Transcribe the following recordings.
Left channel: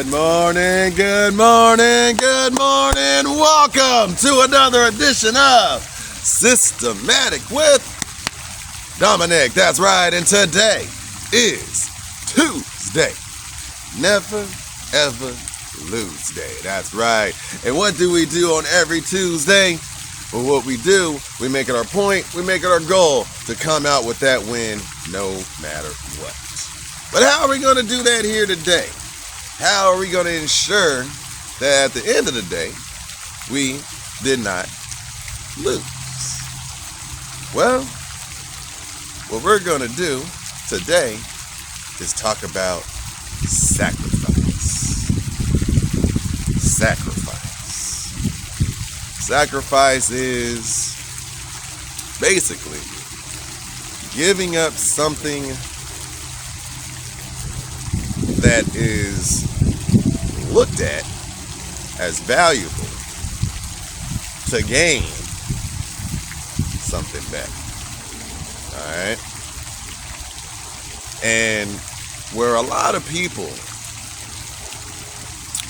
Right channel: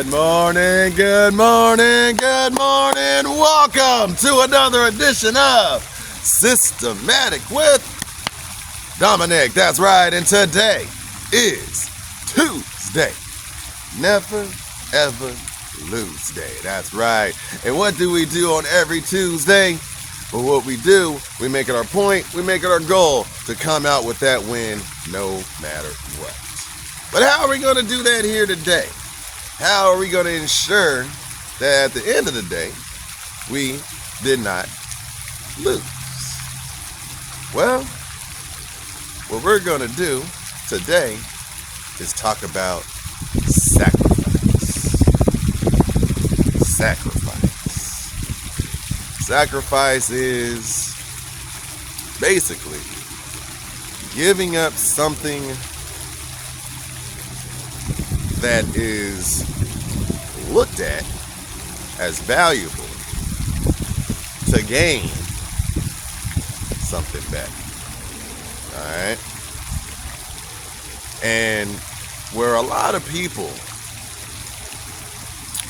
Good morning, good morning, good morning. Welcome to another edition of Systematic with Dominic. That's right, and today is Tuesday. Never, ever lose day. That's right. And what do we do on every Tuesday? Well, what we do, we make it our point, we make it our goal to come out with that win no matter what. But how are we going to do that here today? How are we going to ensure that at the end of the day, we did not lose? Well, what we're going to do today is talk about sacrifice. Sacrifice is basically giving up something that is looked at as valuable to gain something better. Alright? And where a lot of people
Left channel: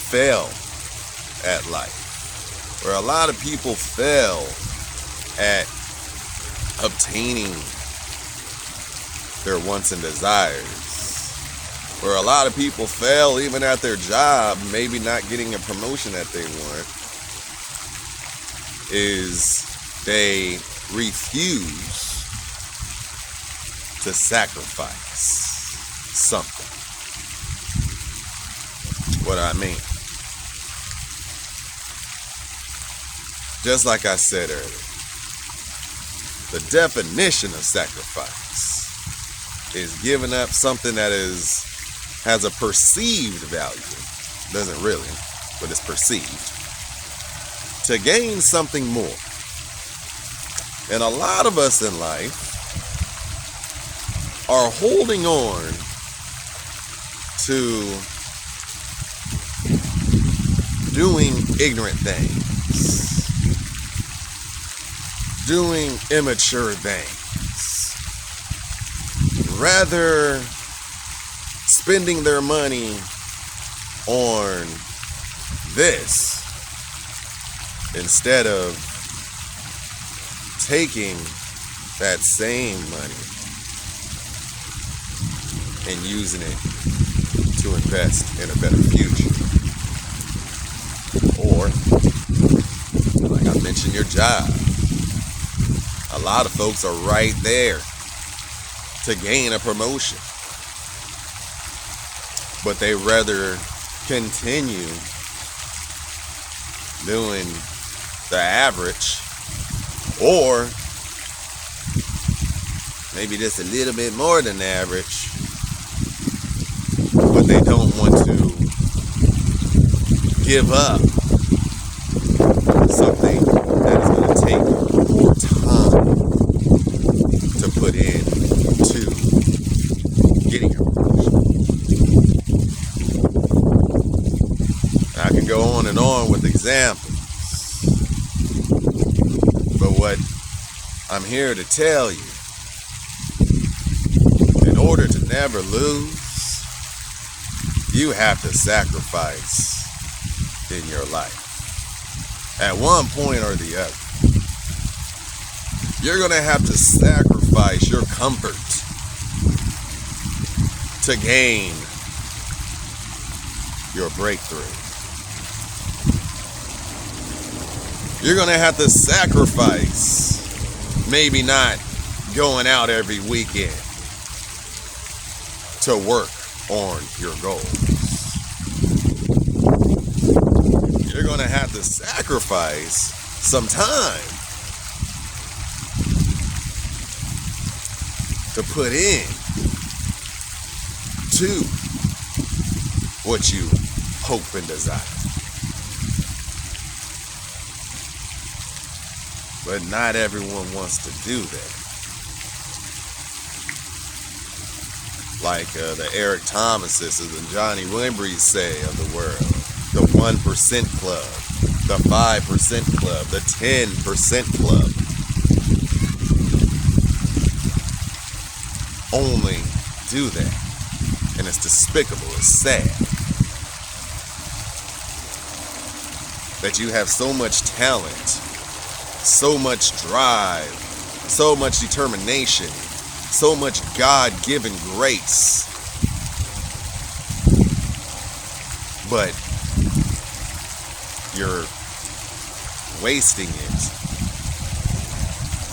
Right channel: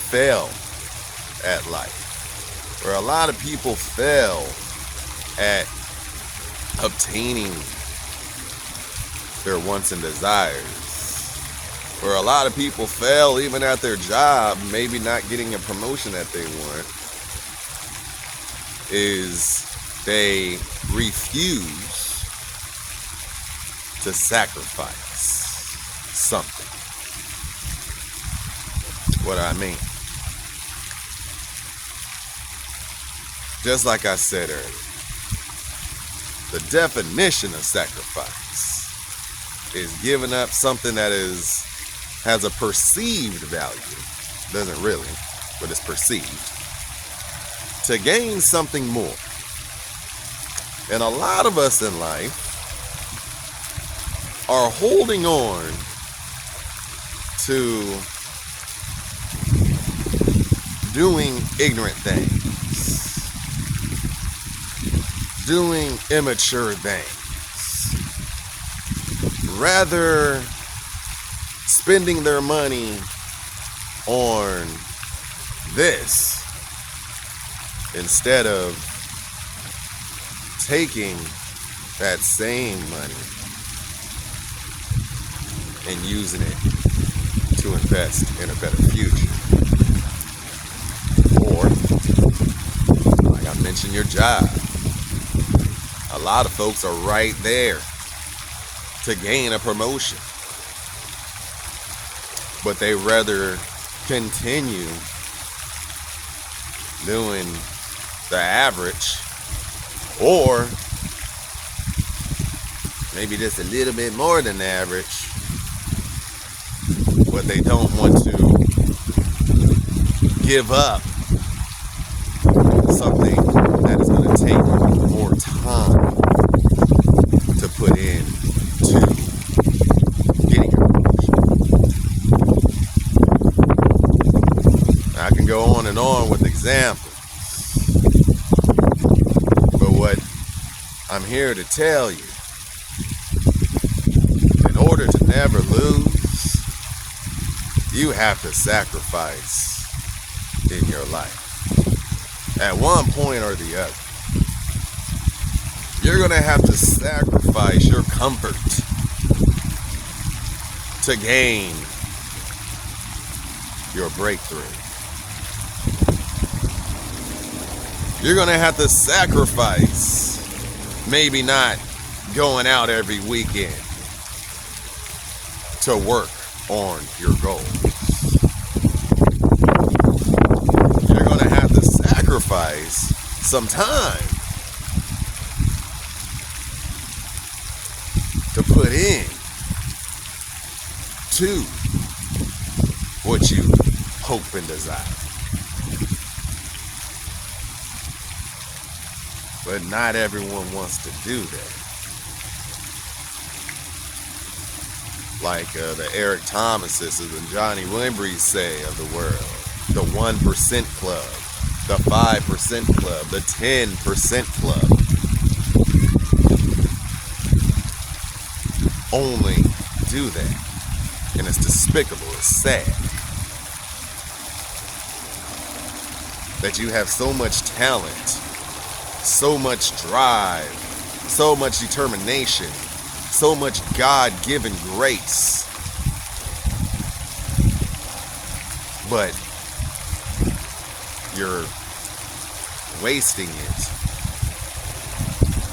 fail at life, where a lot of people fail at obtaining their wants and desires, where a lot of people fail even at their job, maybe not getting a promotion that they want, is they refuse to sacrifice something. What do I mean? Just like I said earlier, the definition of sacrifice is giving up something that has a perceived value, doesn't really, but it's perceived, to gain something more. And a lot of us in life are holding on to doing ignorant things, doing immature things, rather spending their money on this instead of taking that same money and using it to invest in a better future. Or, like I mentioned, your job. A lot of folks are right there to gain a promotion, but they rather continue doing the average, or maybe just a little bit more than average, but they don't want to give up something that is going to take more time to put in to getting your promotion. I can go on and on with examples, but what I'm here to tell you, in order to never lose, you have to sacrifice in your life. At one point or the other, you're going to have to sacrifice your comfort to gain your breakthrough. You're going to have to sacrifice maybe not going out every weekend to work on your goals. You're going to have to sacrifice some time to put in to what you hope and desire. But not everyone wants to do that. Like the Eric Thomases and Johnny Wimbrys say of the world, the 1% club, the 5% club, the 10% club. Only do that. And it's despicable, it's sad. that you have so much talent, so much drive, so much determination, so much God-given grace. But you're wasting it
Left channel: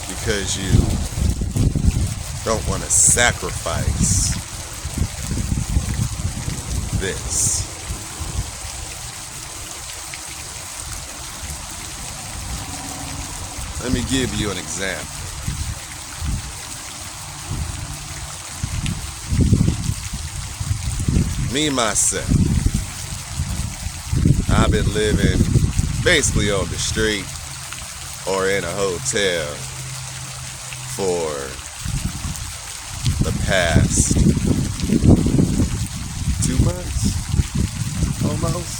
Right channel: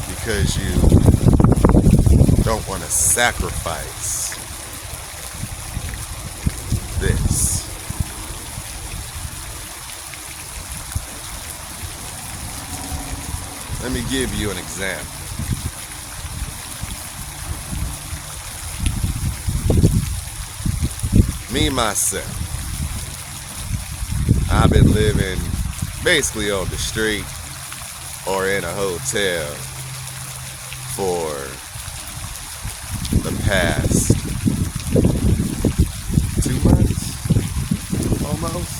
because you don't want to sacrifice this. Let me give you an example. Me, myself, I've been living basically on the street or in a hotel for the past 2 months, almost.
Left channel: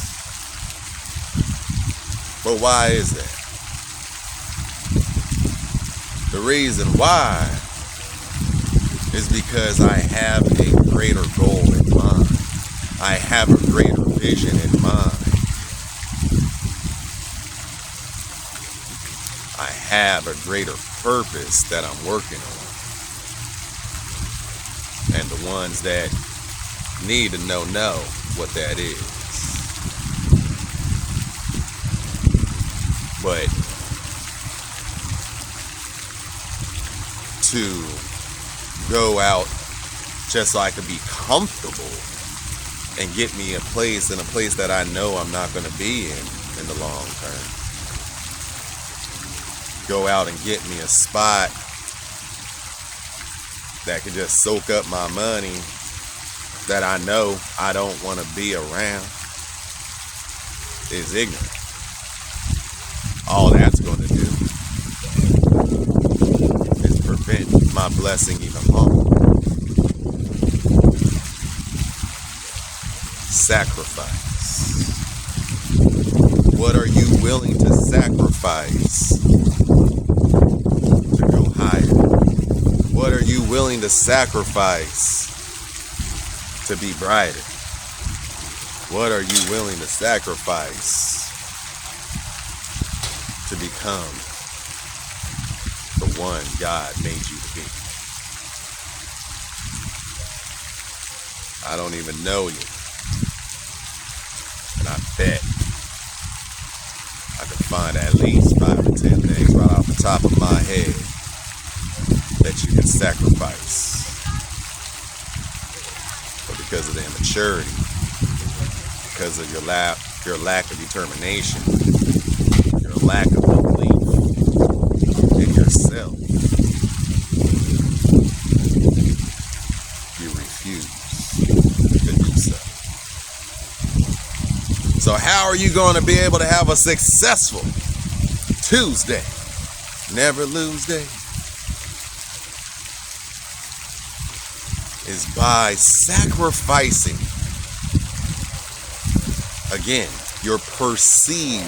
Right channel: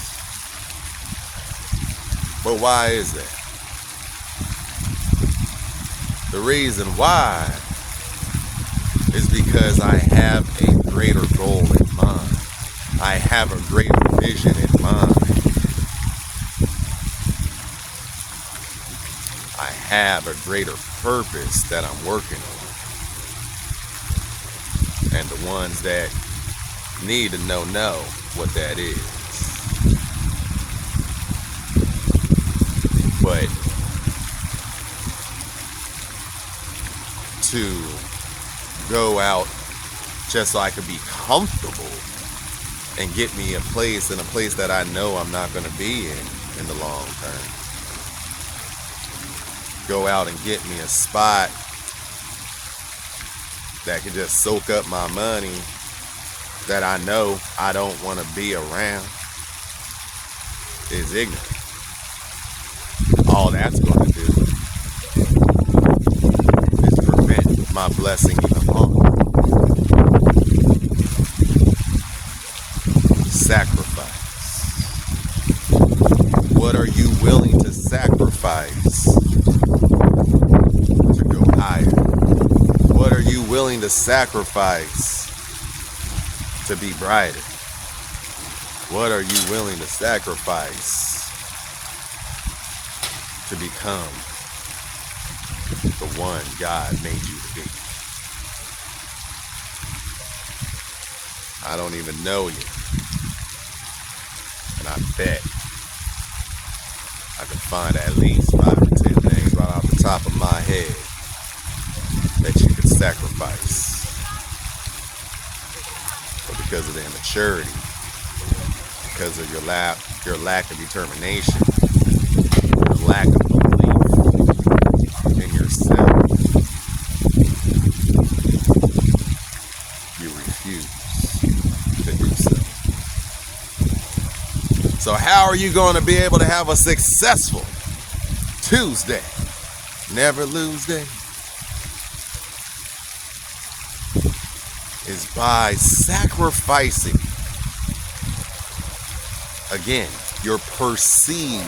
But why is that? The reason why is because I have a greater goal in mind. I have a greater vision in mind. I have a greater purpose that I'm working on. And the ones that need to know what that is. But to go out just so I could be comfortable and get me in a place that I know I'm not going to be in the long term. Go out and get me a spot that can just soak up my money that I know I don't want to be around is ignorant. All that's going to do is prevent my blessing even longer. Sacrifice. What are you willing to sacrifice to go higher? What are you willing to sacrifice to be brighter? What are you willing to sacrifice to become the one God made you to be? I don't even know you. And I bet I could find at least 5 to 10 things right off the top of my head that you can sacrifice. But because of the immaturity, because of your lack of determination, your lack of belief in yourself, you refuse to do so. So how are you going to be able to have a successful Tuesday, never lose day? Is by sacrificing, again, your perceived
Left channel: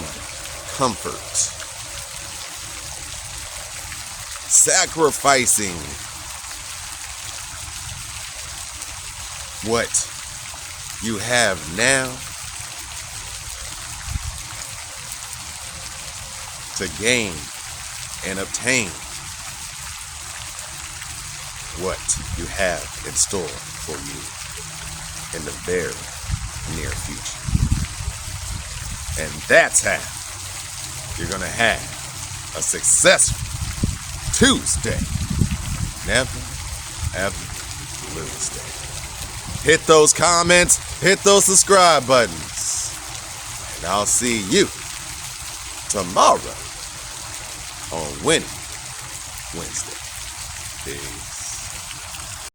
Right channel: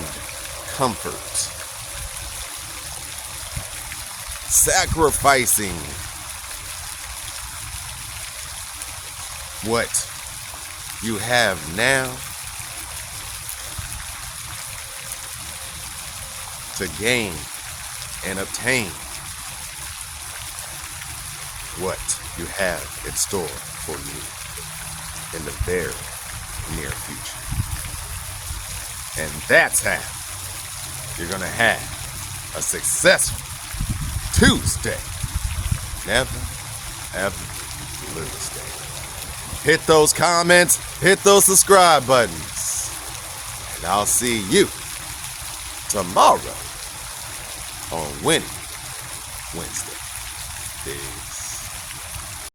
comfort. Sacrificing what you have now to gain and obtain what you have in store for you in the very near future. And that's how you're going to have a successful Tuesday. Never, ever lose day. Hit those comments, hit those subscribe buttons, and I'll see you tomorrow on Winning Wednesday. Peace.